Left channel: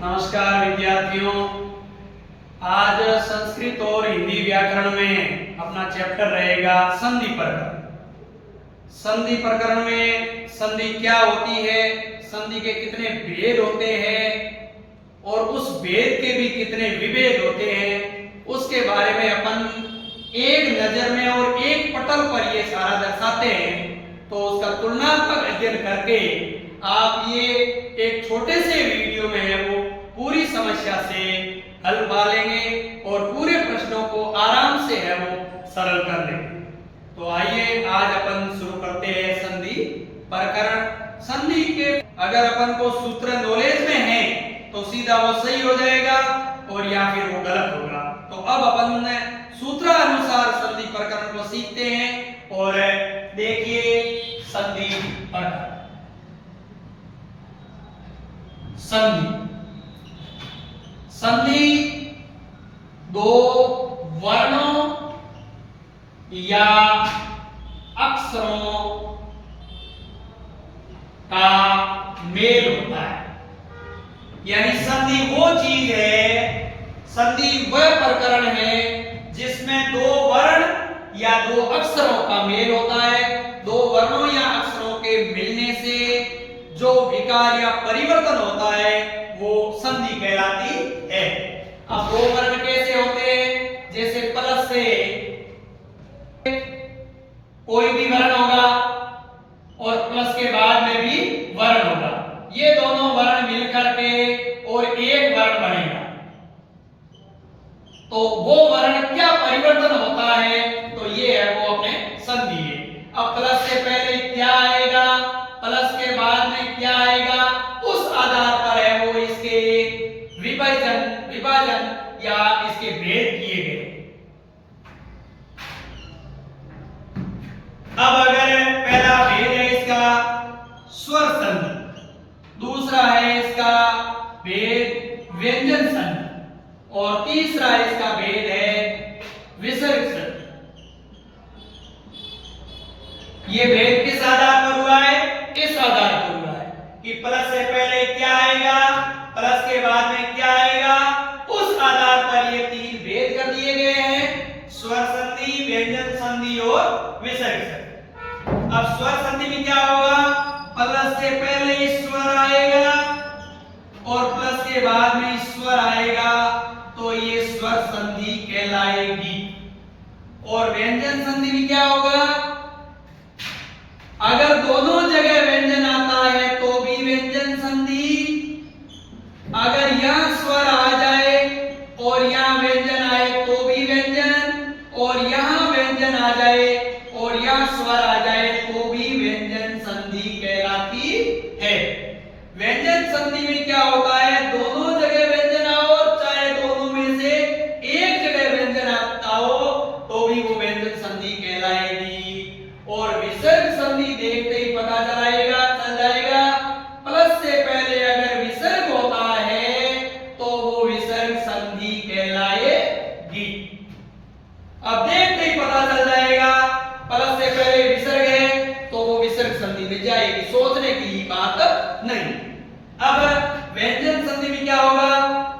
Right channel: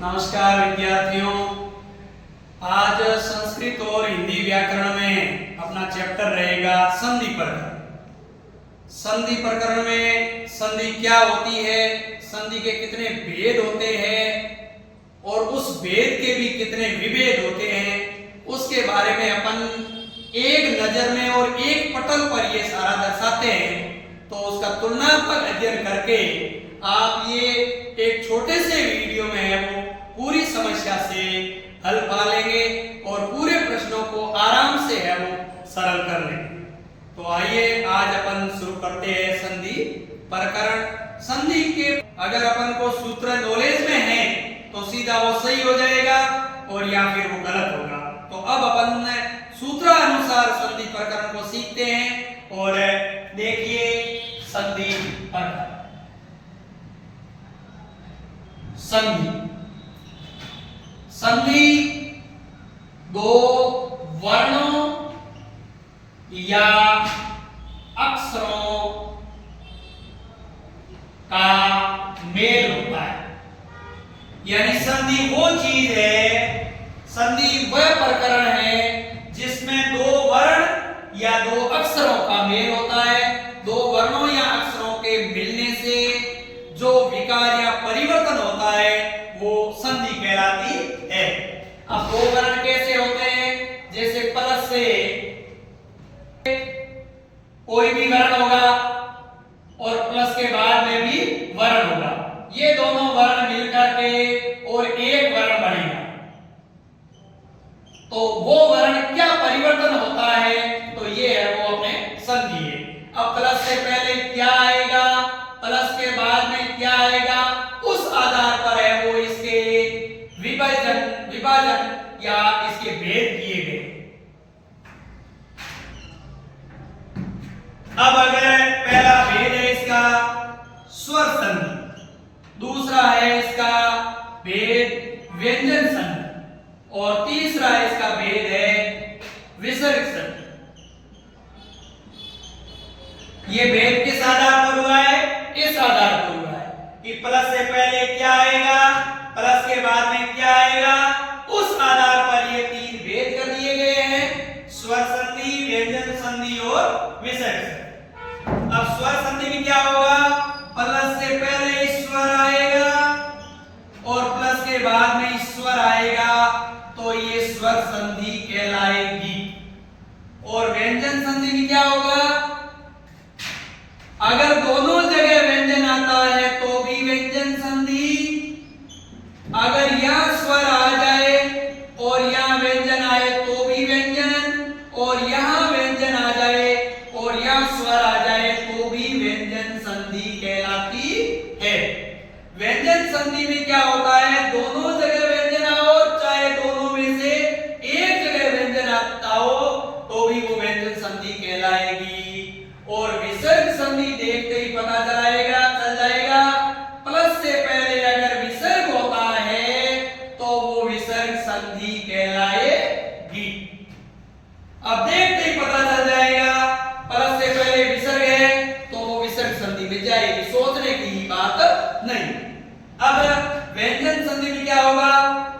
नमस्कार विद्यार्थियों। आज संस्कृत और हिंदी व्याकरण में अपना चैप्टर रहेगा संधि प्रकरण। संधि प्रकरण में संधि क्या होती है, संधि के कितने भेद होते हैं और उस भेद के भी कितने विभेद होते हैं, उसके बारे में अपन एक नजर में और एक पटल पर ये सारा दर्शाते हैं। तो उसका तुलनात्मक अध्ययन करके आप ये एक छोटे से वीडियो में है वो पूरी समस्या से हल पा लेंगे और पूरे प्रश्नों को आराम से है वो सरल कर लेंगे। तो आइए आज अपन शुरू करते हैं संधि प्रकरण। संधि के अगर अपन को सूत्र नॉलेज में है तो सीधा वो सही हो जाएगा और या फिर वो गलत होगा। तो अब अपन सूत्रानुसार संधि प्रकरण को सीखते हैं और देखिए संधि प्रकरण। संधि दो वर्णों या अक्षरों का मेल होता है। यानी संधि वो चीज है, संधि वह प्रकरण है जिसमें दो वर्ण या दो अक्षरों का मेल होता है। दो वर्णों या अक्षरों के मिलने से जो विकार या परिवर्तन होता है वो संधि कहलाती है। अब दो वर्ण कैसे होते हैं, जैसे प्लस से कोई भी वर्ण होगा और प्लस के बाद में भी वर्ण होगा, ये दोनों वर्ण मिलकर के और एक वर्ण बनेगा। तो वो वर्ण क्या परिवर्तन होता है, तो ये है वो अपने संधि है। अब प्लस से पहले क्या आएगा, प्लस के बाद में क्या आएगा, उस आधार पर है वो इसके विभाजन या इसके भेद किए गए। अब अगर पहला भेद है इसका स्वर संधि, दूसरा है इसका भेद व्यंजन संधि और तीसरा इसका भेद है विसर्ग संधि। ये भेद किस आधार पर हुआ है, इस आधार पर हुआ है कि प्लस से पहले क्या आएगा, प्लस के बाद में क्या आएगा, उस आधार पर ये तीन भेद कर दिए गए हैं, स्वर संधि, व्यंजन संधि और विसर्ग संधि। अब स्वर संधि में क्या होगा, प्लस से पहले स्वर आएगा और प्लस के बाद में स्वर आएगा, तो ये स्वर संधि कहलाएगी। और व्यंजन संधि में क्या होगा, अगर दोनों जगह व्यंजन आता है तो भी व्यंजन संधि, अगर यहां स्वर आ जाए और यहां व्यंजन आए तो भी व्यंजन, और यहां व्यंजन आ जाए और यहां स्वर आ जाए तो भी व्यंजन संधि कहलाती है। व्यंजन संधि में क्या होता है, दोनों जगह व्यंजन आओ, चाहे दोनों में से एक जगह व्यंजन आता हो तो भी वो व्यंजन संधि कहलाएगी। और विसर्ग संधि देखते ही पता चल जाएगा, प्लस से पहले अगर विसर्ग होता है तो वो विसर्ग संधि कहलाएगी। अब देखते ही पता चल जाएगा, प्लस से पहले विसर्ग है तो वो विसर्ग संधि में जाएगी, सोचने की बात नहीं। अब व्यंजन संधि में क्या होगा,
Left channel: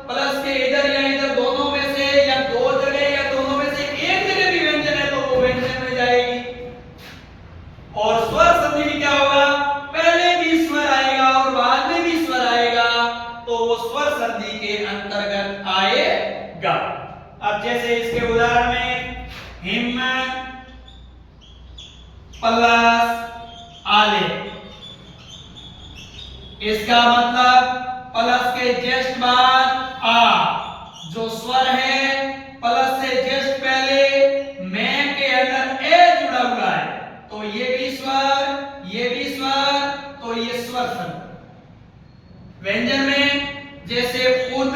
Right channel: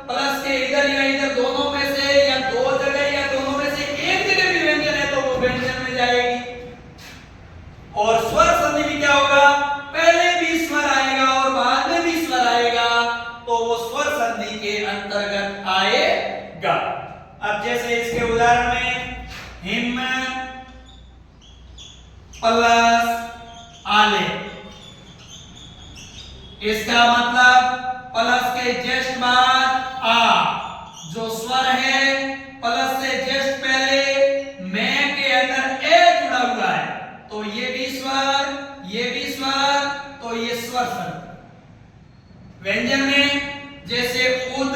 प्लस के इधर या इधर दोनों में से या दो जगह या दोनों में से एक जगह भी व्यंजन है तो वो व्यंजन में जाएगी। और स्वर संधि में क्या होगा, पहले भी स्वर आएगा और बाद में भी स्वर आएगा तो वो स्वर संधि के अंतर्गत आएगा। अब जैसे इसके उदाहरण में हिम प्लस आले, इसका मतलब प्लस के जस्ट बाद आ, जो स्वर है प्लस से जस्ट पहले मैं के अंदर ए जुड़ा हुआ है तो ये भी स्वर, ये भी स्वर, तो ये स्वर संधि। व्यंजन में जैसे उद,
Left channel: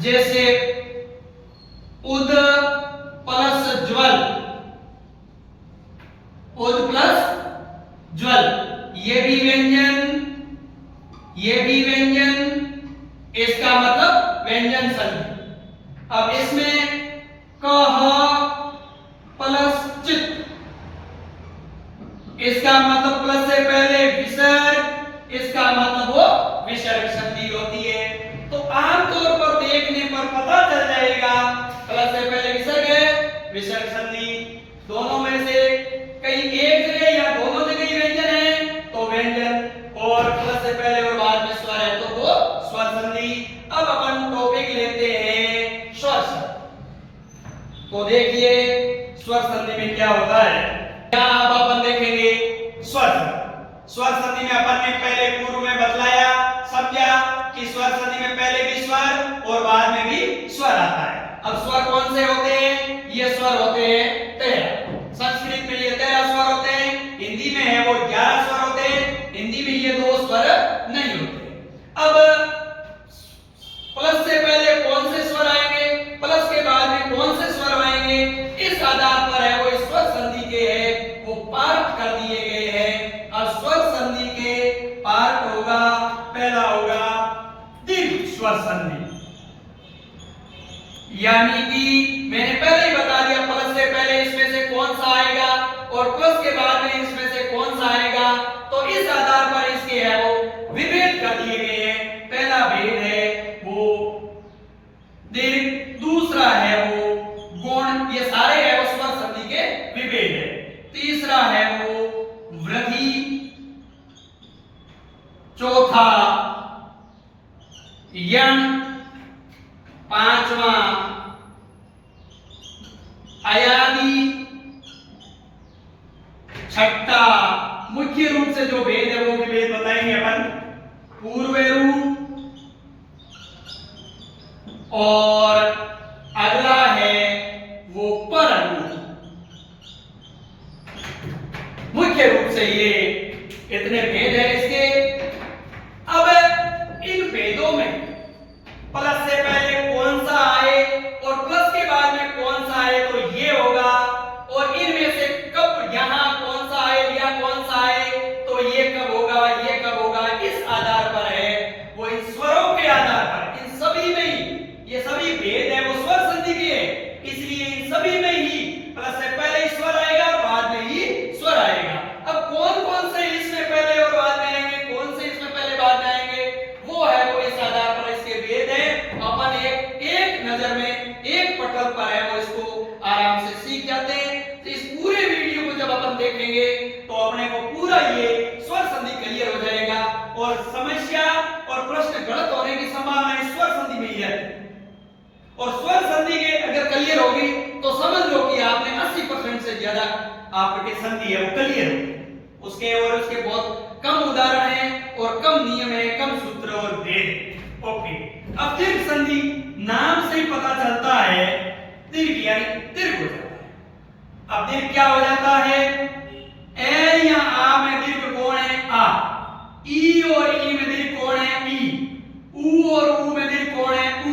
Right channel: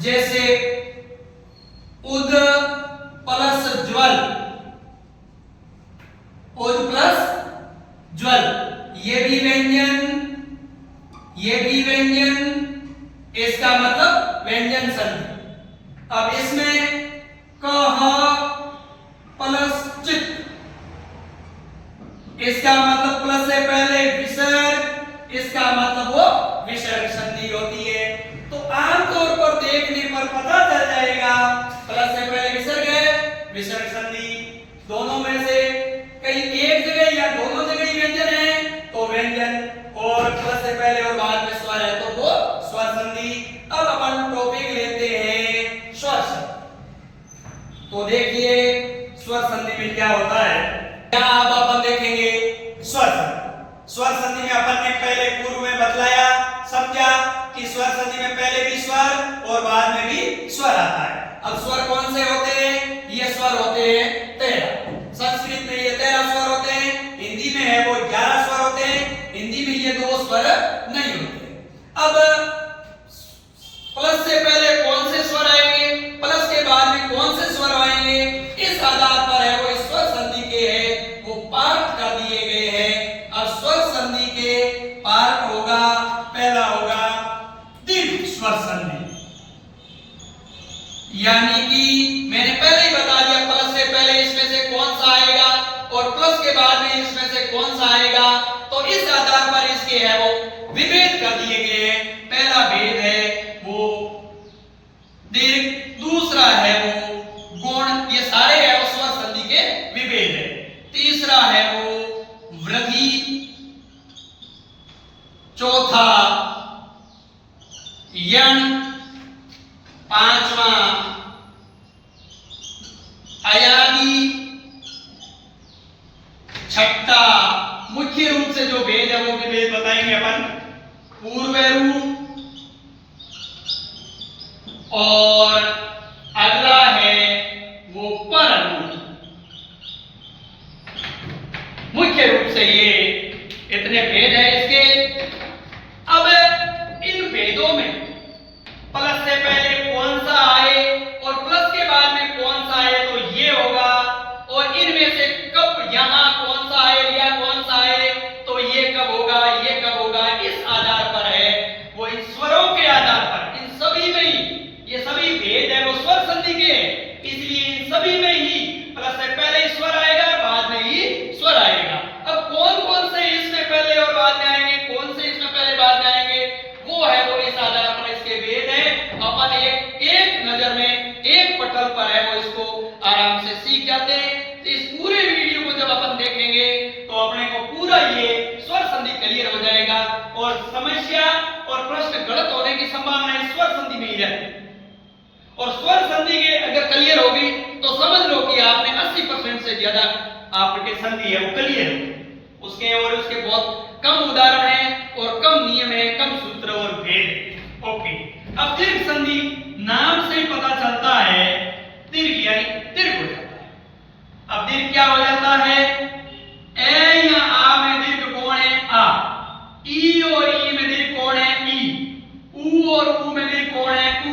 जैसे उद प्लस ज्वल, उद प्लस ज्वल, ये भी व्यंजन, ये भी व्यंजन, इसका मतलब व्यंजन संधि। अब इसमें कह प्लस चित, इसका मतलब प्लस से पहले विसर्ग, इसका मतलब वो बतलाया, समझा कि स्वर संधि में पहले भी स्वर और बाद में भी स्वर आता है। अब स्वर कौन से होते हैं? ये स्वर होते हैं 13। संस्कृत में ये 13 स्वर होते हैं, हिंदी में है वो 11 स्वर होते हैं। हिंदी में ये 2 स्वर नहीं होते। अब प्लस से पहले कौन से स्वर आएंगे, प्लस के बाद में कौन से स्वर आएंगे, इस आधार पर है वो स्वर संधि के है वो पार्ट कर दिए गए हैं। और स्वर संधि के पार्ट होगा, पहला होगा दीर्घ स्वर संधि, यानी कि मैंने पहले ही बता दिया प्लस से पहले इसमें से कौन सा आएगा और प्लस के बाद में इसमें से कौन सा आएगा। तो इस आधार पर इसके है वो विभेद कर दिए गए हैं। पहला भेद है वो दीर्घ, दूसरा है वो गुण, ये सारे है वो स्वर संधि के विभेद है। तीसरा है वो वृद्धि, चौथा यण, पांचवा अयादि, छठा मुख्य रूप से जो भेद है वो विभेद बताएंगे अपन, पूर्व रूप, और अगला है वो पर रूप। मुख्य रूप से ये इतने भेद है इसके। अब इन भेदों में प्लस से पहले कौन सा आए और प्लस के बाद में कौन सा आए तो ये होगा, और इनमें से कब यहां कौन सा आए या कौन सा आए तो ये कब होगा, ये कब होगा, इस आधार पर है वो इन स्वरों के आधार पर। इन सभी में ही ये सभी भेद है वो स्वर संधि के, इसलिए इन सभी में ही प्लस से पहले स्वर आएगा, बाद में ही स्वर आएगा। अब कौन कौन से इसमें पहले और बाद में आएंगे, कौन से इसमें पहले बाद में आएंगे, वो है वो इस आधार पर इसके भेद है। अपन एक नजर में एक पटल पर है वो इसको आराम से सीख जाते हैं। तो इस पूरे वीडियो को जब अपन देखेंगे तो अपने को पूरा ये स्वर संधि क्लियर हो जाएगा, और समस्या और प्रश्न गलत होने की संभावना इस स्वर संधि में ही रहती है। और स्वर संधि के अगर क्लियर होगी तो समझ लो कि आपने 80% से ज्यादा आपके संधि है वो क्लियर हो। उसके और उसके बहुत कम उदाहरण हैं और कम नियम है, कम सूत्र और भेद है। ओके, अब दीर्घ संधि नाम से ही पता चलता है दीर्घ यानी दीर्घ हो जाता है। अब दीर्घ क्या हो जाता है, ए या आ में दीर्घ कौन है, आ, ई और ई में दीर्घ कौन है, ई, ऊ और ऊ में दीर्घ कौन है, ऊ,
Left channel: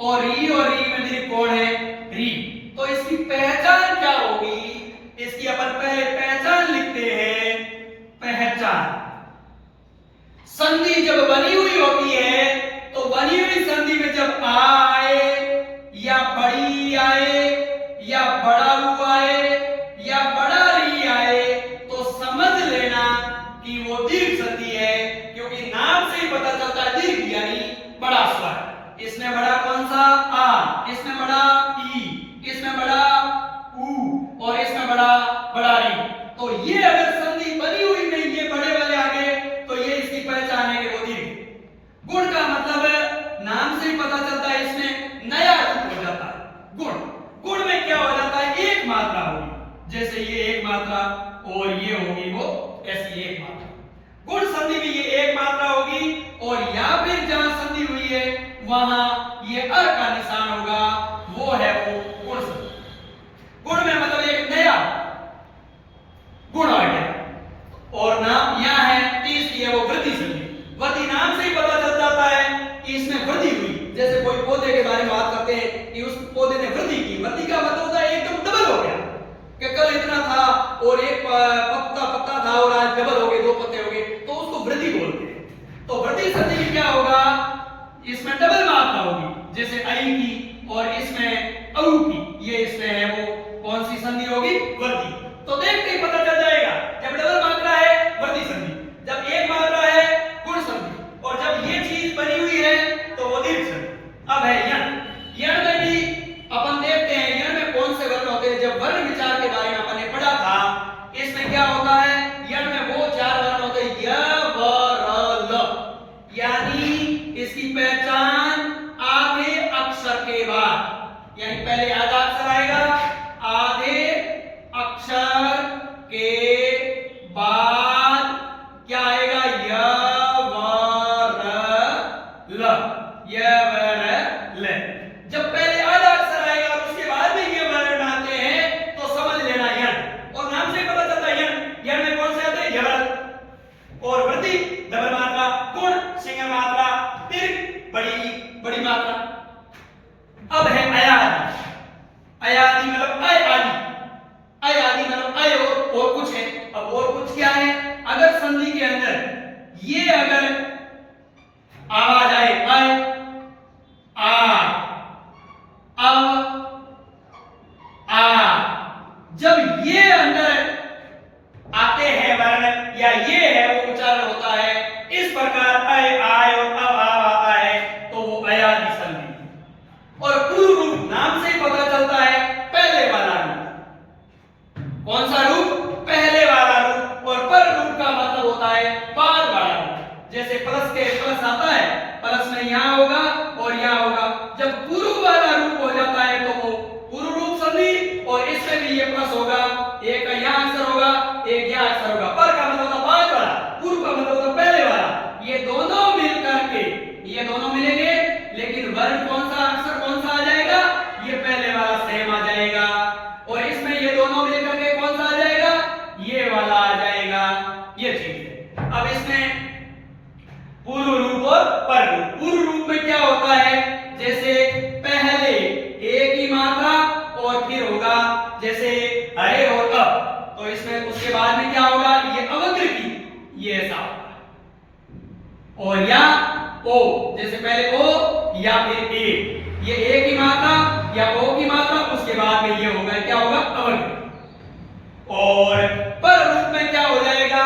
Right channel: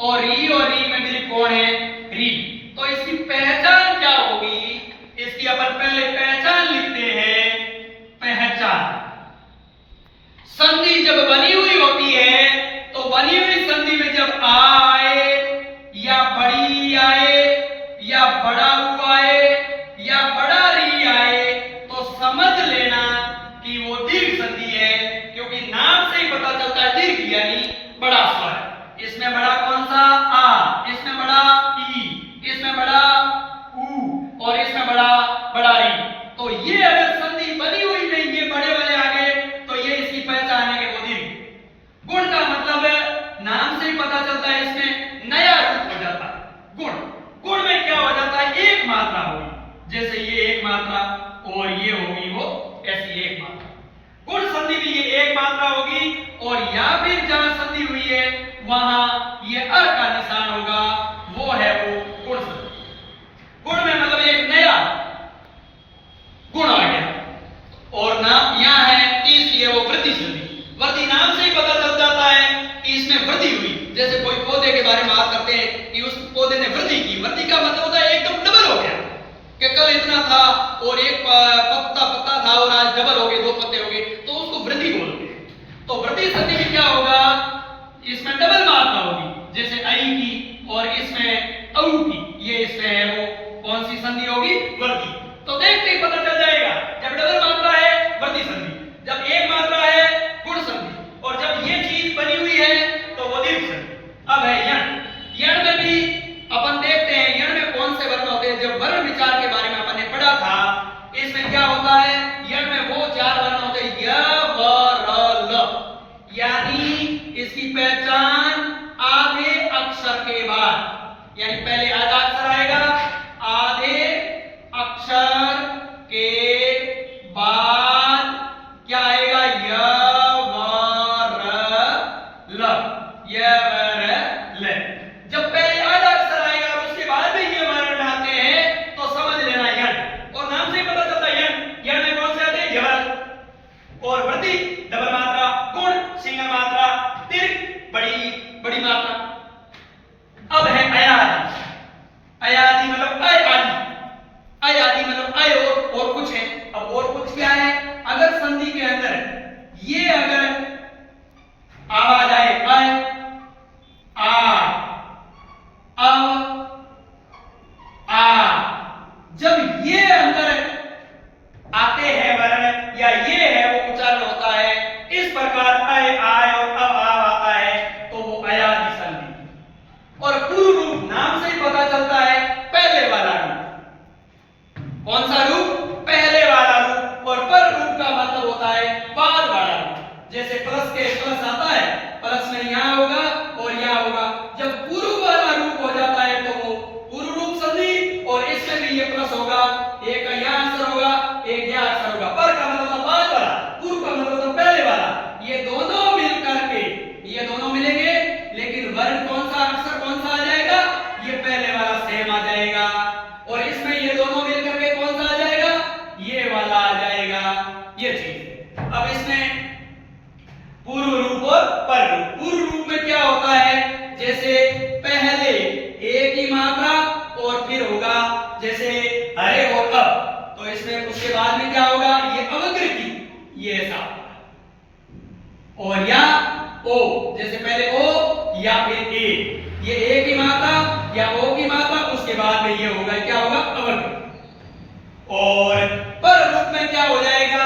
और री में दीर्घ कौन है, री। तो इसकी पहचान क्या होगी, इसकी अपन पहले पहचान लिखते हैं। पहचान, संधि जब बनी हुई होती है तो बनी हुई संधि में जब आ आए या बड़ी आए या बड़ा ऊ आए या बड़ा री आए तो समझ लेना कि वो दीर्घ संधि है, क्योंकि नाम से ही पता चलता है दीर्घ यानी बड़ा स्वर। इसमें बड़ा कौन सा, आ, इसमें बड़ा ई, इसमें बड़ा ऊ, और इसमें बड़ा री। तो ये अगर संधि बनी हुई नहीं, ये बड़े वाले आगे, तो ये इसकी पहचान है कि वो दीर्घ। गुण का मतलब है नाम से ही पता चलता है इसमें नया रूप हो जाता है गुण। गुण में क्या हो जाता है, एक मात्रा होगी, जैसे ये एक मात्रा और ये होगी वो ऐसी एक मात्रा। गुण संधि में ये एक मात्रा होगी, और या फिर जहां संधि हुई है वहां ये अ का निशान होगा, वो है वो गुण संधि। गुण में मतलब एक नया गुण आ गया। और नाम यहां है तीसरी है वो वृद्धि संधि। वृद्धि नाम से ही पता चल जाता है कि इसमें वृद्धि हुई। जैसे कोई पौधे के बारे में बात करते हैं कि उस पौधे ने वृद्धि की, वृद्धि का मतलब होता है एकदम डबल हो गया, कि कल इतना था और एक पत्ता था और आज डबल हो गए, 2 पत्ते हो गए, तो उसको वृद्धि बोलते हैं। तो वृद्धि संधि में क्या होगा, इसमें डबल मात्रा होगी, जैसे आई की और इसमें औ की, ये इसमें है वो कौन सी संधि होगी, वृद्धि। तो देखते ही पता चल जाएगा, जब डबल मात्रा है वृद्धि संधि, जब एक मात्रा है गुण संधि, और जब ये चीज बनी हुई है तो वो दीर्घ संधि। अब है यण। यण में भी अपन देखते हैं यण में कौन से वर्ण होते हैं। जब वर्ण विचार के बारे में अपन ने पढ़ा था, इसमें क्या होता है, यण में वो 4 वर्ण होते हैं, य व र ल, यानी इसकी पहचान आधे अक्षर के बाद, यानी पहले आधा अक्षर आएगा, आधे अक्षर के बाद क्या आएगा, य व जैसे प्लस के प्लस आता है, प्लस में यहाँ होगा और यहाँ होगा। जब पूर्व वाला रूप हो जाता है तो वो पूर्व रूप संधि, और इसमें भी ये प्लस होगा, एक यहाँ अक्षर होगा, एक यहाँ अक्षर होगा। पर का मतलब होता बाद वाला, पूर्व का मतलब होता पहले वाला। ये दोनों मिल करके, ये दोनों मिलेंगे, लेकिन वर्ण कौन सा, अक्षर कौन सा आ जाएगा, ये पहले वाला सेम आ जाएगा। और इसमें ये दोनों मिल करके कौन सा आ जाएगा, ये वाला आ जाएगा। ये चीज है। अब इसमें पूर्व रूप और पर रूप। पूर्व रूप में क्या होता है, जैसे पहले एक ही मात्रा और फिर होगा जैसे अरे और अब, तो इसमें उसके बाद में क्या होगा, ये अवग्र की, ये ऐसा होगा। और या ओ, जैसे पहले ओ या फिर ए, ये एक ही मात्रा या ओ की मात्रा, उसके बाद में ये होगा, क्या होगा, अवग्र। और पर रूप में क्या हो जाएगा,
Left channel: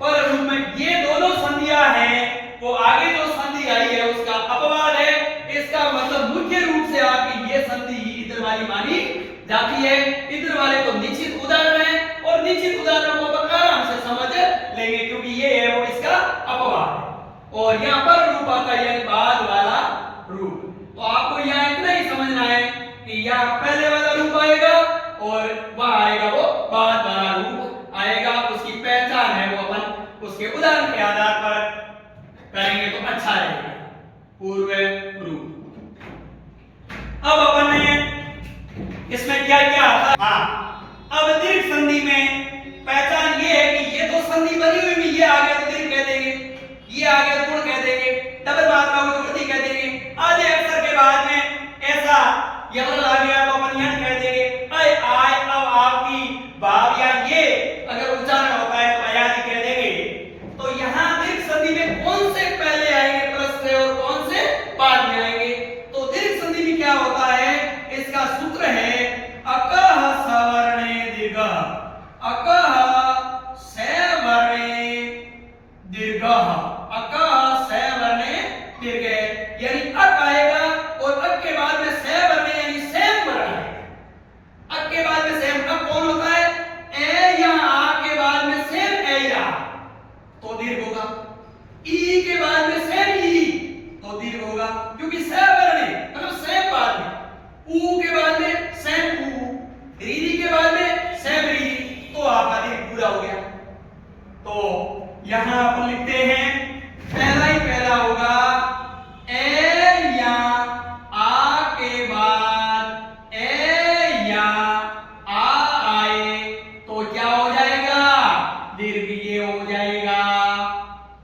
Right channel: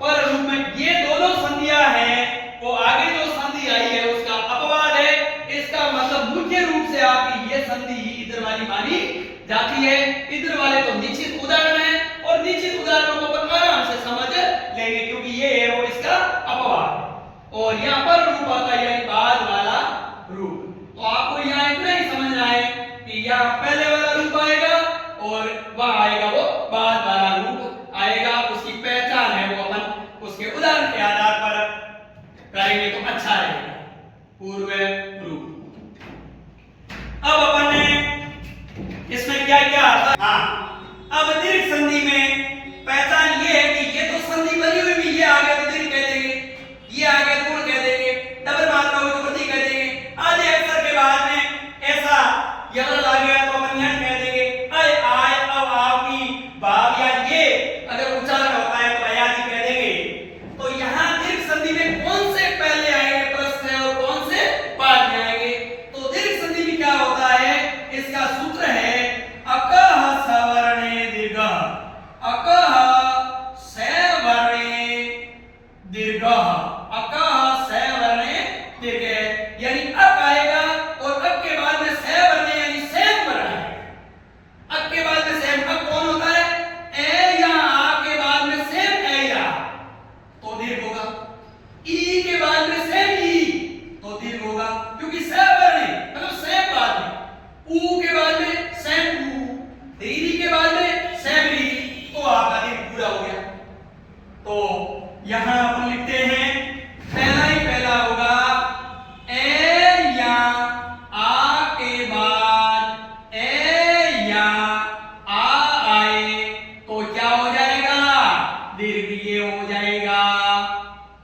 पर रूप में ये दोनों संधियां हैं, वो आगे जो संधि आई है उसका अपवाद है। इसका मतलब मुख्य रूप से आपकी ये संधि ही इधर वाली मानी जाती है। इधर वाले तो निश्चित उदाहरण है, और निश्चित उदाहरणों को अपन आराम से समझ लेंगे, क्योंकि ये है वो इसका अपवाद है। और यहाँ पर रूप आता है यानी बाद वाला रूप। तो आपको यहाँ इतना ही समझना है कि यहाँ पहले वाला रूप आएगा और वह आएगा वो बाद वाला रूप आएगा। उसकी पहचान है वो अपन उसके उदाहरण के आधार पर करेंगे तो अच्छा रहेगा। पूर्व रूप। अब अपन ने इसमें क्या क्या आता, हाँ, अब दीर्घ संधि में पहचान ये है कि ये तो संधि बनी हुई भी, ये आगे तो दीर्घ कह देंगे, ये आगे गुण कह देंगे, डबल मात्रा हुई तो वृद्धि कह देंगे। आधे अक्षर के बाद में ऐसा यदल आ गया तो अपन यह कह देंगे। आय आय अब आपकी भाव या ये अगर उच्चारण होता है तो अयादि कह देंगे। तो यहाँ दीर्घ संधि में कौन से पहले आएंगे प्लस से और कौन से बाद में आएंगे, तो दीर्घ संधि में क्या होता है, इसका सूत्र है अकह सवर्णे दीर्घ, अकह सवर्णे दीर्घ, अकह सवर्णे दीर्घ, यानी अक आएगा और अक के बाद में सवर्णे यानी सेम वर्ण आएगा। अक के बाद में सेम, अक कौन होता है, ए या आ के बाद में सेम ए या, तो दीर्घ होगा। ई के बाद में सेम ई, तो दीर्घ होगा, क्योंकि सवर्णे मतलब सेम बाद में। ऊ के बाद में सेम ऊ, रीरी के बाद में सेम रीरी, तो आपका दीर्घ पूरा हो गया। तो यहां अपन लिखते हैं पहला ही पहला होगा ए या आ के बाद ए या आ आए तो क्या हो जाएगा, दीर्घ ये हो जाएगा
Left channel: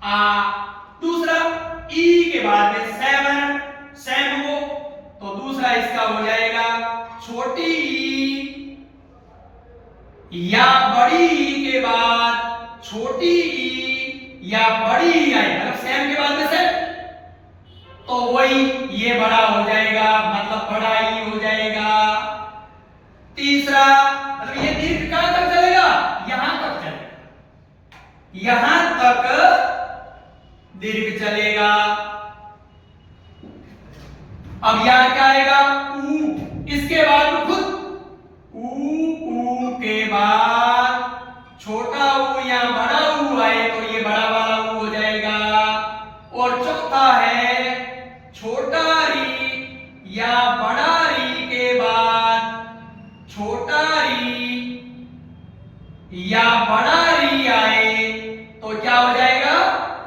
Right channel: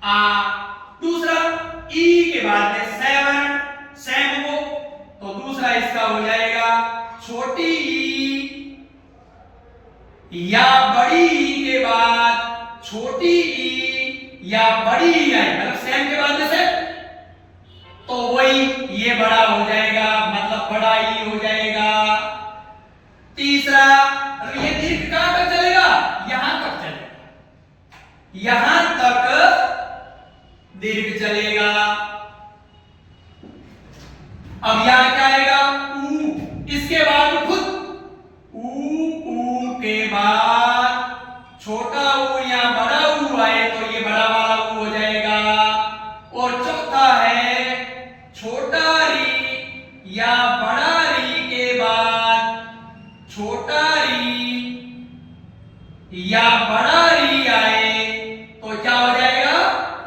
आ। दूसरा ई के बाद में सेवन सेम हो, तो दूसरा इसका हो जाएगा छोटी ई या बड़ी ई के बाद छोटी ई या बड़ी ई आए, मतलब सेम के बाद में सेम, तो वही ये बड़ा हो जाएगा, मतलब बड़ा ई हो जाएगा। तीसरा मतलब ये दीर्घ कहां तक चलेगा, यहां तक चलेगा, यहां तक दीर्घ चलेगा। अब यहां क्या आएगा, ऊ, इसके बाद खुद ऊ के बाद छोटा ऊ या बड़ा ऊ आए तो ये बड़ा वाला ऊ हो जाएगा। और चौथा है छोटा री या बड़ा री के बाद छोटा री या बड़ा री आए तो क्या हो जाएगा,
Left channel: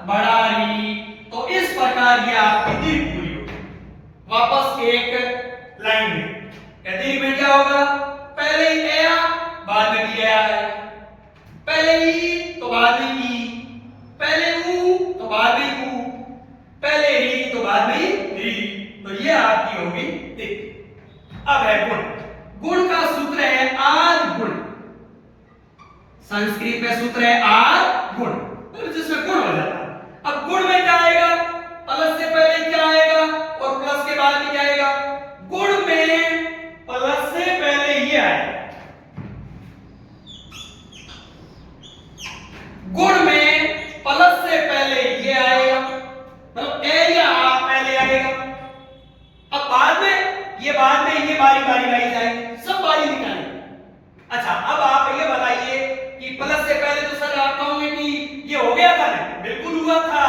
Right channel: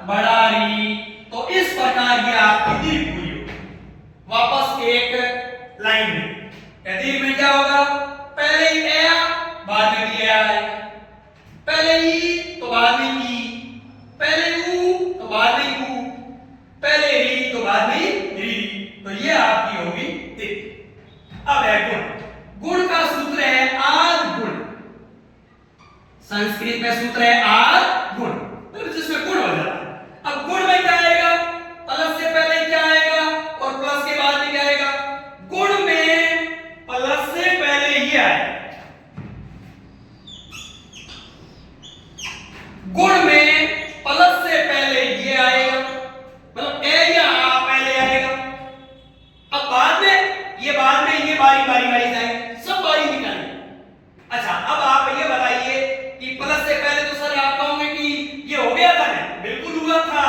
बड़ा री। तो इस प्रकार ये आपकी दीर्घ पूरी होगी। वापस एक लाइन में दीर्घ में क्या होगा, पहले ही ए बाद में भी ए आएगा, पहले ई तो बाद में ई, पहले ऊ तो बाद में ऊ, पहले री तो बाद में री, तो ये आपकी होगी दीर्घ। अब है गुण। गुण का सूत्र है आद गुण, संस्कृत में सूत्र है आद गुण, जिसमें गुण हो जाता है। अब गुण में क्या आएगा, प्लस से पहले क्या आएगा और प्लस के बाद में क्या आएगा। गुण में प्लस से पहले ये आएगा, गुण में प्लस से पहले ये आएगा, मतलब ए या आ पहले आएगा। अब बाद में ये बारी बारी जाएंगे, सब बारी निकालेंगे। अच्छा अब आप ये बताइए कि प्लस से पहले तो सर आप कहोगे कि ये हो गया था, बिल्कुल हुआ था,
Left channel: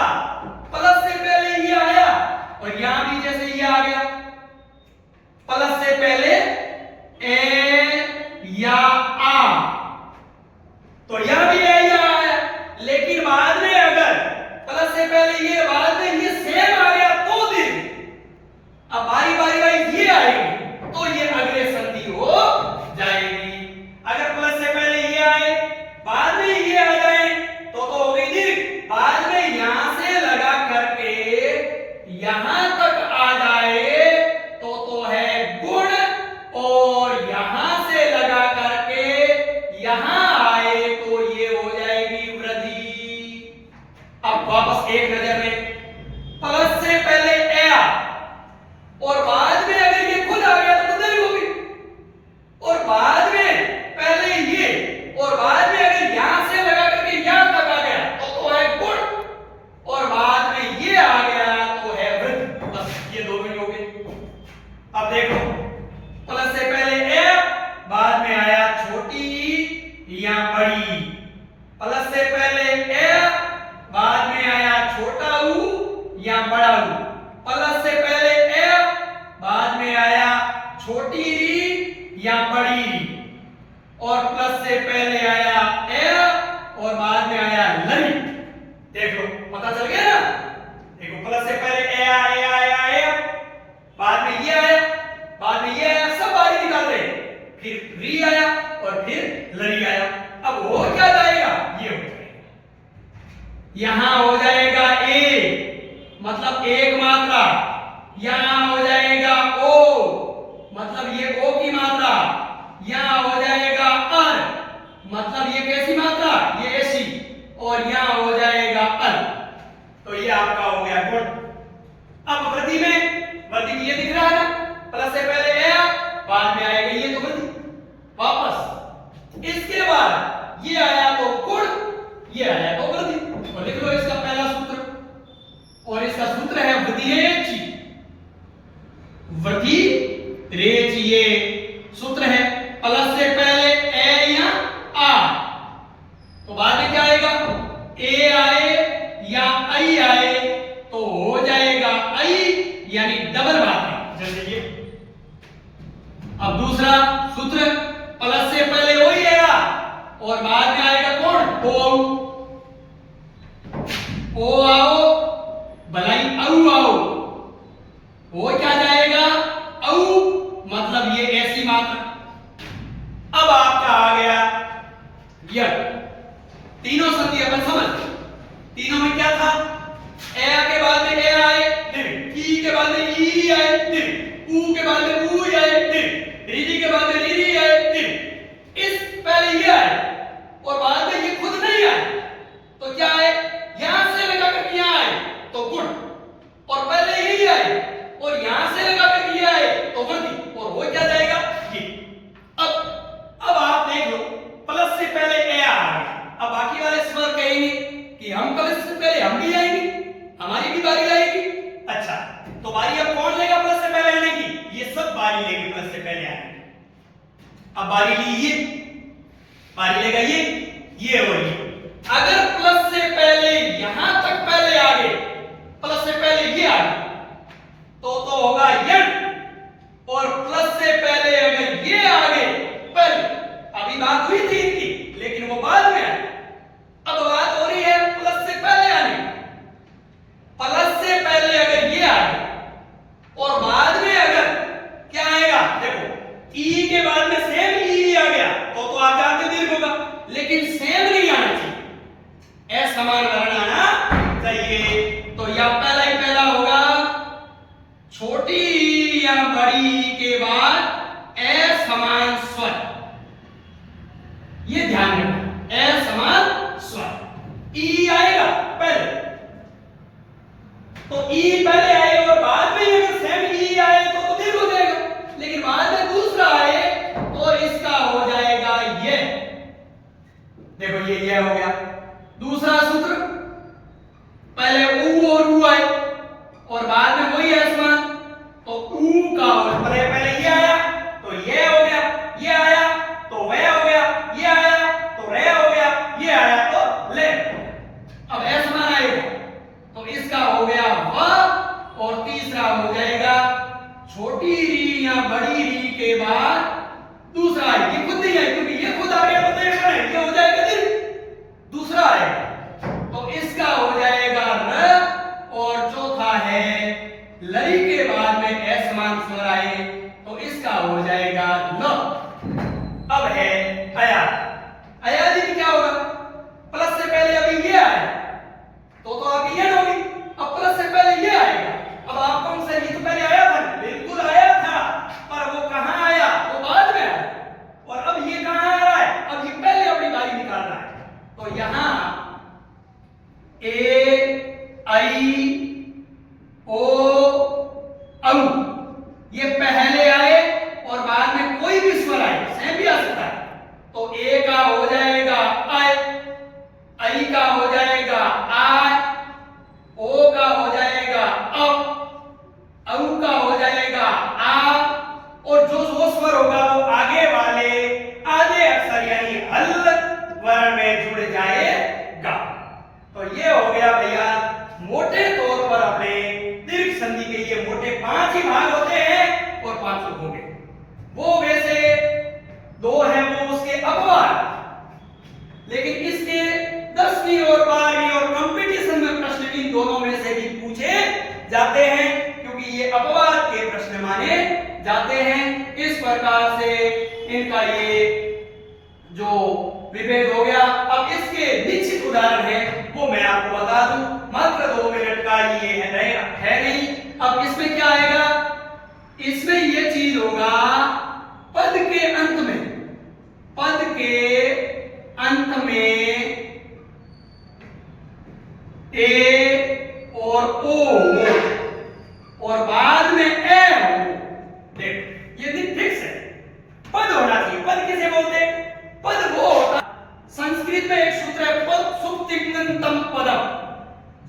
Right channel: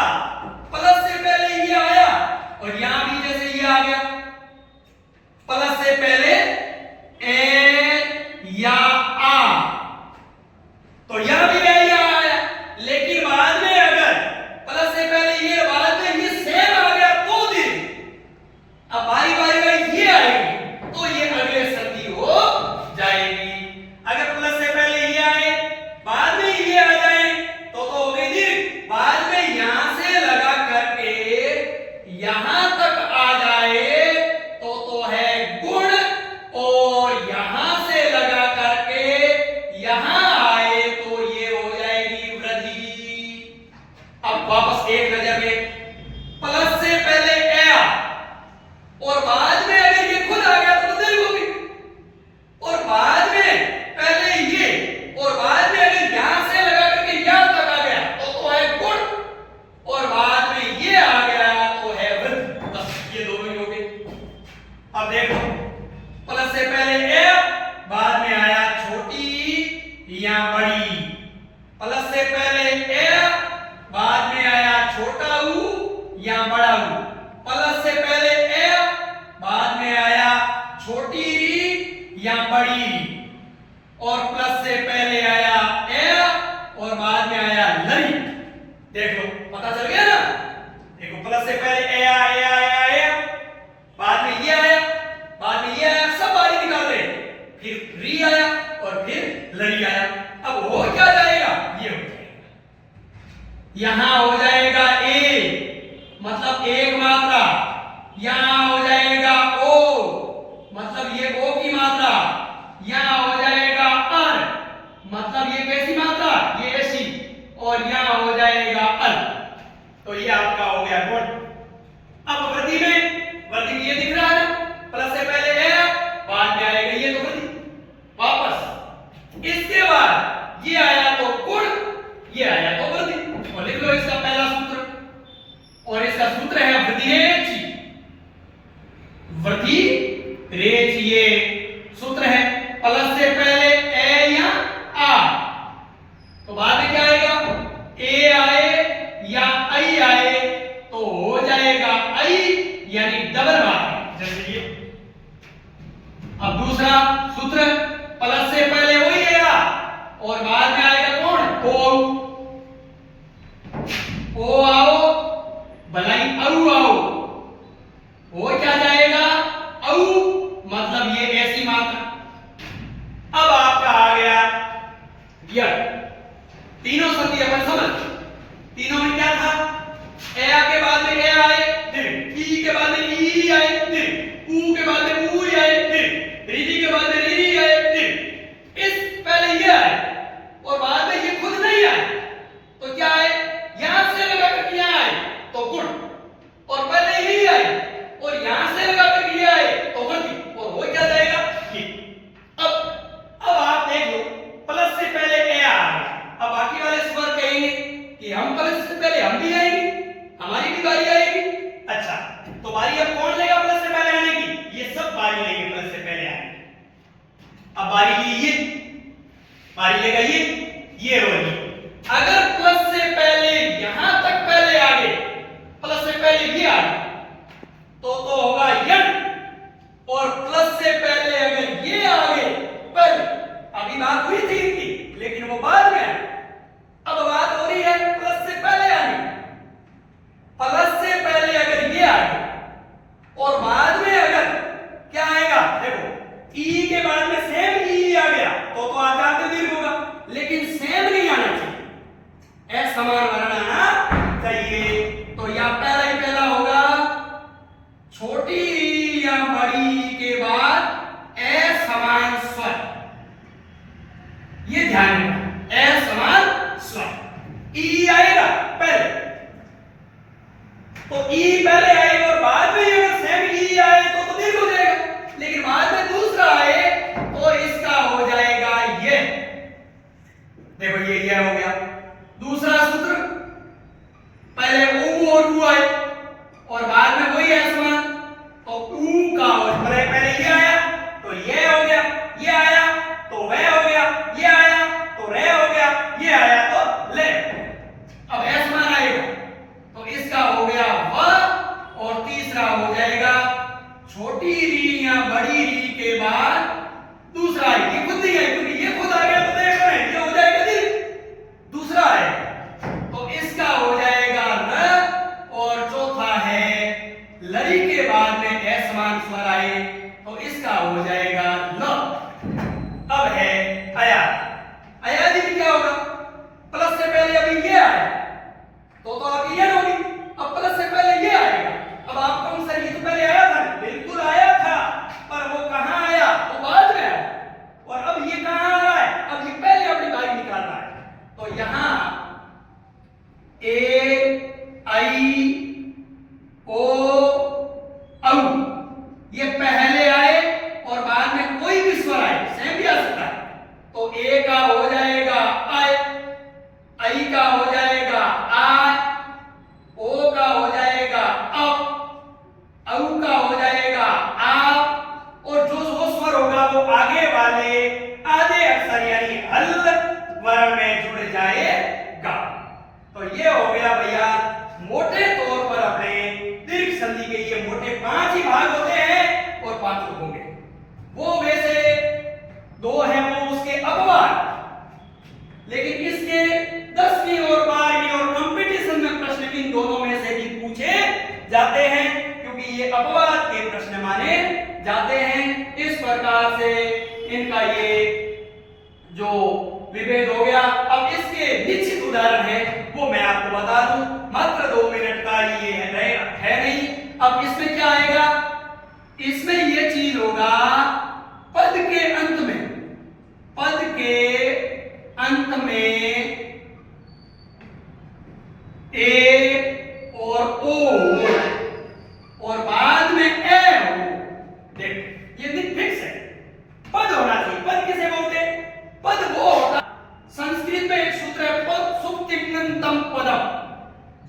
या बड़ा ऊ। प्लस से पहले ए, बाद में आया छोटी री या बड़ी री, और प्लस से पहले आया ए और बाद में आया लरी। देख लो, पता चल गया ना। देखो, प्लस से पहले ए आया, बाद में ये आया, बाद में ये आया, सब बारी निकाल रहे, फिर री आया और फिर लरी आया। अब हो क्या जाएगा, ये हो जाएगा, यहां हो जाएगा ए मतलब एक मात्रा, यहां हो जाएगा ओ मतलब ये ओ की मात्रा, यहां हो जाएगा अर मतलब ये कैसी मात्रा, ये ऐसी, और यहां हो जाएगा अल। तो ये आपका हो गया गुण। अब वृद्धि में ये दिख रहा है ना, प्लस से पहले ए, बाद में आएगा ये, तो वृद्धि वापस। इसके बाद ये आया तो गुण, ये आया तो वृद्धि। और लिख लो इसका पहला सूत्र, और इसका सूत्र है वृद्धि रेचि। वृद्धि रेचि ये सूत्र है। प्लस से पहले ए या आ, तो बाद में क्या आएगा, ए आए या आई आए तो हो जाएगा आई, यानी डबल मात्रा, जैसे ये। अब दूसरा सूत्र, प्लस से पहले ओ ही आया और बाद में आएगा कौन, ओ आओ भलाई औ आओ, हो क्या जाएगा औ मतलब ये ऐसी मात्रा। अब आपका आ गया यह तीनों संधि अपन समझ। तीनों में क्या था, ए के बाद में ए आए फिर, ई के बाद में ई आए फिर, ऊ के बाद में ऊ आए फिर, री के बाद में री आए फिर, इस पहले ये आए और बाद में ये खुद नहीं आए, तो क्या है, यहां से लगा कर यहां आए तो गुण, और पहले ही आए और यहां से लगा कर ये आए तो वृद्धि, और हो क्या जाएगा ये। अब आप देख लो, प्लस से पहले ए आ गया। अब बाकी वाले स्वर कहेंगे कि हम प्लस से पहले हम भी आएंगे, हमारी भी बारी आएगी। अच्छा, तो बारी अब कौन लेगा प्लस से पहले आने की, ये सब बारी लेंगे प्लस से पहले आने की। अब बारी लीजिए, बारी लेगा ये और ये। अगर प्लस से पहले यहां तक पहले आ गए, प्लस से पहले ये आ गए, तो होगा यण, और प्लस से पहले अगर ये आ गए पहले, अभी बात हुई थी इनकी लेकिन वो बाद में आई, अब बात हो रही है प्लस से पहले आने। प्लस से पहले अगर ये आ गए और बाद में अगर क्या आएगा, देखो ई के बाद में सेम ई आ गया तो आगे दीर्घ होगा, लेकिन सेम नहीं आना चाहिए, असमान वर्ण आना चाहिए। तो या पहला ही पहला होगा, छोटी या बड़ी के बाद असमान स्वर, ये ध्यान रखना, असमान स्वर। ई आएगा पहले, तो ई पहले आए और बाद में अगर सेम ई आए तो दीर्घ हो जाएगा, लेकिन बाद में दूसरा आए तो इसका हो जाएगा ये। देखो ये हो गया दूसरा सूत्र। पहले ऊ और ऊ आए और बाद में वही असमान, तो ऊ का हो, पहले ये आया तो ये हो गया, ये आया तो वह हो गया, ये आया तो रे हो गया, ये आया तो ले। अब असमान आएगा तो इसका हो गया व, और तीसरा हो जाएगा छोटी री या बड़ी री के बाद दूसरा है, ये खुद नहीं है क्योंकि ये खुद आ गया, तो देख रहे हैं ये हो जाएगा दीर्घ, दूसरा है तो इसका हो जाएगा र, और चौथा है लरी के बाद में असमान स्वर आए तो इसका हो जाएगा ल। अब है अया। अयादी में क्या होगा, प्लस से पहले अभी ये आया तो आपकी ये होगी, अब प्लस से पहले ये आएगा। अब आप कौन सा, ये तो पहले आया था, बिल्कुल आया था, पर वो कहां आया, वो बाद में आया, और अब ये कहां आ रहा है, अब ये पहले अपनी बारी निकाल रहा है। तो यहां ए आई ओ औ ये पहले आए और बाद में कोई भी स्वर आए, सेम भी आ सकता है, तो ए का हो जाएगा आय, आई का हो जाएगा आय, ओ का हो जाएगा औ का हो जाएगा आ, और जो स्वर होगा वो आगे वाले आधे अक्षर यानी हल वर्ण में जुड़ जाएगा। तो ये हो गया भैया मोटे तौर पर अपने जाते हैं, क्योंकि ये अपवाद के प्रश्न माने जाते हैं। इस प्रकार से इनका ये जो विभेद हो गया। अब इसके निश्चित उदाहरण है वो मैं आपको बता दूं, मात्र 2 मिनट का ये है नहीं। अब इसमें क्या आएगा, इसमें ये चीज होगा पद के अंत में, पद के अंत में ए और ओ और बाद में ए हो। देख ये भी फिक्स है, पद होना चाहिए। पद किसे बोलते हैं? पद वो होता, संस्कृत में एक सूत्र है पद सुप्तिंगंतम पदम।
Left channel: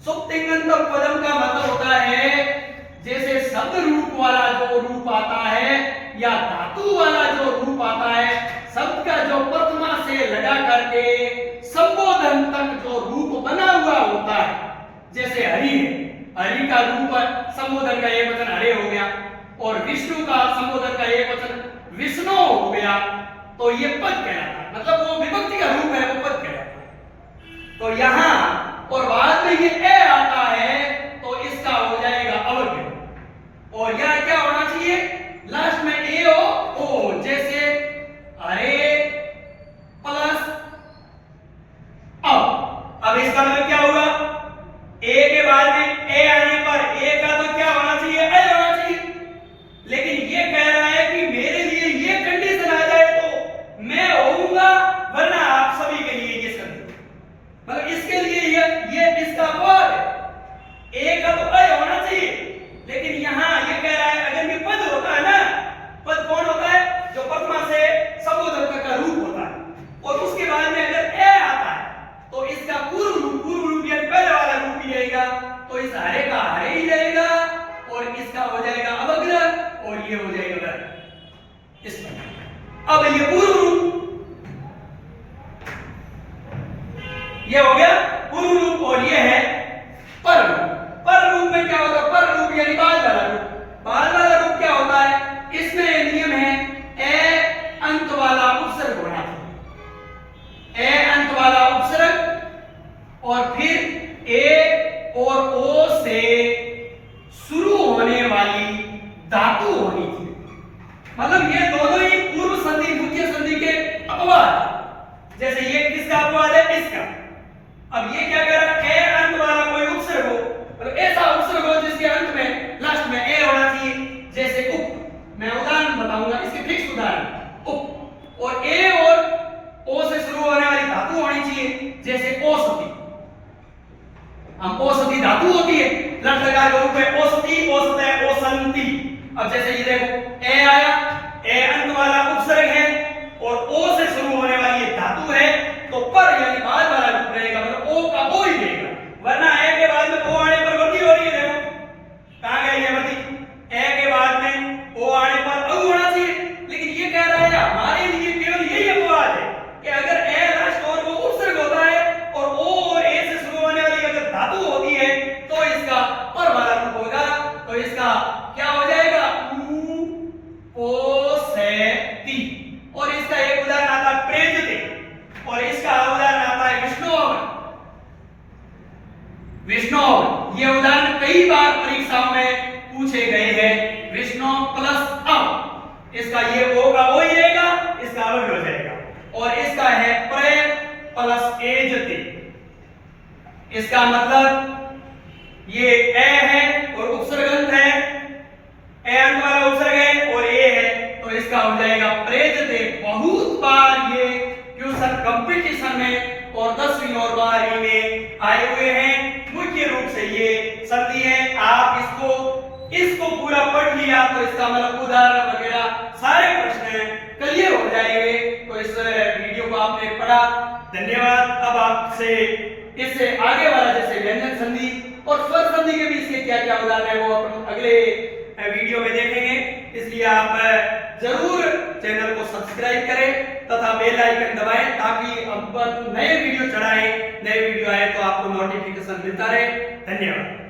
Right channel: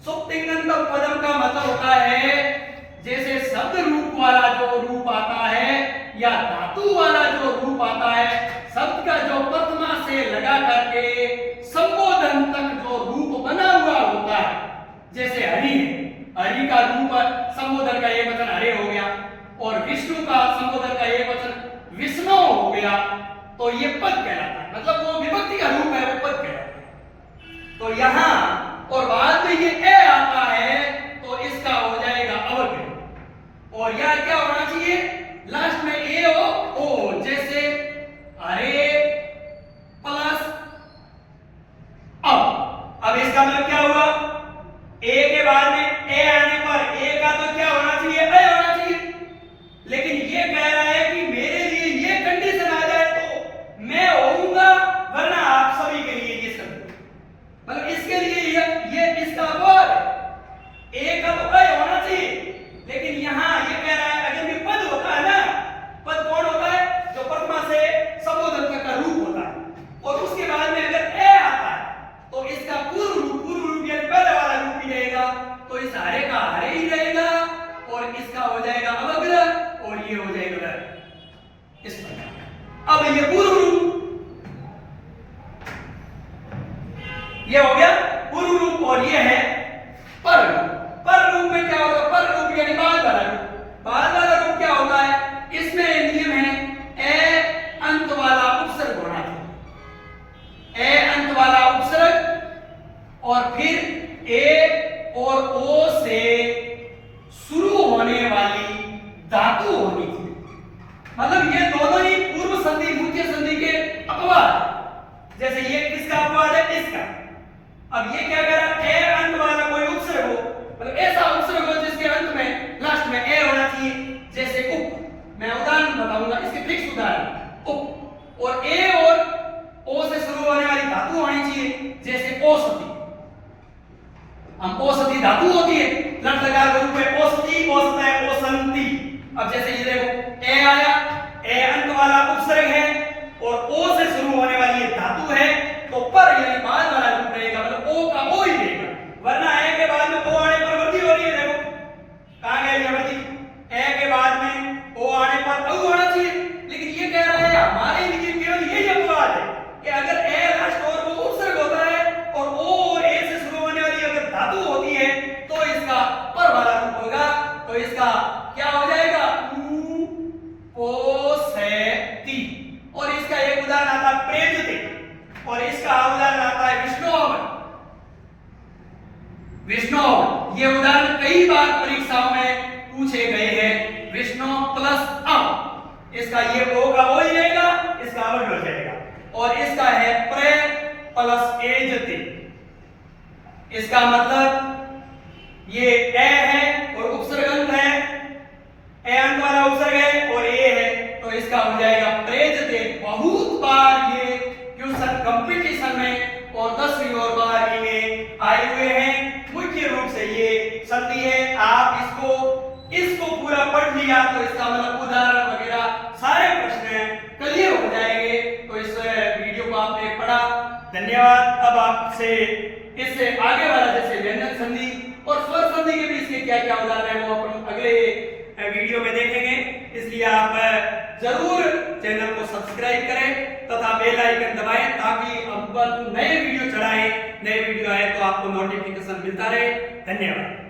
सुप्तिंगंतम पदम का मतलब होता है जैसे शब्द रूप वाला जो रूप आता है या धातु वाला जो रूप आता है, शब्द का जो प्रथमा से लगा करके संबोधन तक जो रूप बना हुआ होता है, जैसे हरि है, हरि का रूप संबोधन का एक वचन हरे हो गया, और विष्णु का संबोधन का एक वचन विष्णु हो गया, तो ये पद कहलाता है। मतलब वो विभक्ति का रूप है, वो पद कहलाता है। तो यहां और बाद में ये ए आता है तो इसका हो जाएगा अवग्रह, और यह क्या होना चाहिए, लास्ट में ए हो ओ, जैसे अरे प्लस अब इसका मतलब क्या हुआ, ए के बाद में ए आने पर ए का तो क्या होना चाहिए, ए होना चाहिए। लेकिन ये कह रहा है कि मेरे लिए ये कंडीशन आ जाए तो मैं होऊंगा, वरना आप सभी के लिए ये सब, मतलब इसके लिए ये इसका अपवाद है। ए का तो ए होना चाहिए, लेकिन यहां ये कह रहा है अगर ये पद होता है ना, पद कौन होता है, जो प्रथमा से संबोधन तक का रूप होता है, और उसके बाद में अगर ए आता है तो इसका पूर्व रूप यानी पहले वाला रूप ही रहेगा, तो इस हरे का हरे ही रहेगा, और इसका हो जाएगा अवग्रह, और ये हो जाएगा इस प्रकार। अब ये पूर्व रूप, ये हो गया पूर्व रूप, और ये है पर रूप। पर रूप में क्या होता है, पर रूप यानी बाद वाला रूप। बाद वाला रूप क्या होता है, इसमें नियम है ए अंत वाला उपसर्ग होना चाहिए, ए अंत वाला उपसर्ग, और फिर ए और ओ से शुरू होने वाली धातु होनी चाहिए। मतलब ये दोनों ही पूर्व संधि मुख्य संधि के अपवाद। जैसे ये किसका अपवाद है, इसका। अब ये क्या कह रहा है, ए अंत वाला कोई उपसर्ग हो, मतलब ऐसा उपसर्ग हो जिसके अंत में लास्ट में ए होना चाहिए, जैसे उप। मैं उदाहरण बताऊंगा, इसके फिक्स उदाहरण उप, और ए और ओ से शुरू होने वाली धातु होनी चाहिए, जैसे औषधि। हम औषधि धातु होती है, लटकार का रूप है औषधि, औषध है औसंति। अब जैसे ये देखो ए आया, ए अंत वाला उपसर्ग है और ओ से शुरू होने वाली ये धातु है, तो पर यानी बाद वाला रूप रहेगा, मतलब ओ का ओ ही रहेगा, वरना ए के बाद में ओ आने पर वृद्धि हो रही है। देखो कहां गई ये वृद्धि, ए के बाद में ओ आने पर औ होना चाहिए, लेकिन ये कह रहा है हमारे लिए केवल यही अपवाद है कि अगर ए लास्ट और वो उपसर्ग होता है और ओ और ए से शुरू होने वाली अगर धातु होती है तो इसका पर वाला रूप होगा, तो इसका क्या हो जाएगा, उ ओ से ती। और इसका एक उदाहरण आता है प्रेजते, और इसका उदाहरण आता है विष्णु। विष्णु ये उदाहरण कई बार परीक्षाओं में पूछे गए हैं, विष्णु प्लस अ, इसका ये ओ का ओ ही रहेगा, इसका अवग्रह हो जाएगा, और इसका है प्रे प्लस एजते। इसका मतलब ये ए है और उपसर्गंत है, ए अंत वाला उपसर्ग है और ए है, तो इसका हो जाएगा प्रेजते। बहुत बार ये ट्यूशन कंपटीशन में और 10वीं और 12वीं में आए हुए हैं। मुख्य रूप से ये संधि है, आप इसको पूरा पढ़ लिया तो इसका मतलब उदाहरण वगैरह सारे प्रश्न क्लियर हो जाएंगे। तो इस वीडियो को आपने पढ़ा, धन्यवाद। अब आपसे इससे आगे वाला जैसे व्यंजन संधि और स्वर संधि के बीच के क्या क्या उदाहरण है वो अपन अगले वीडियो में देखेंगे, इसलिए आप जरूर चैनल को सब्सक्राइब करें तथा बेल आइकन दबाएं ताकि अब नए वीडियो चढ़ाएं, नए वीडियो आए तो आपको नोटिफिकेशन मिलता रहे। धन्यवाद।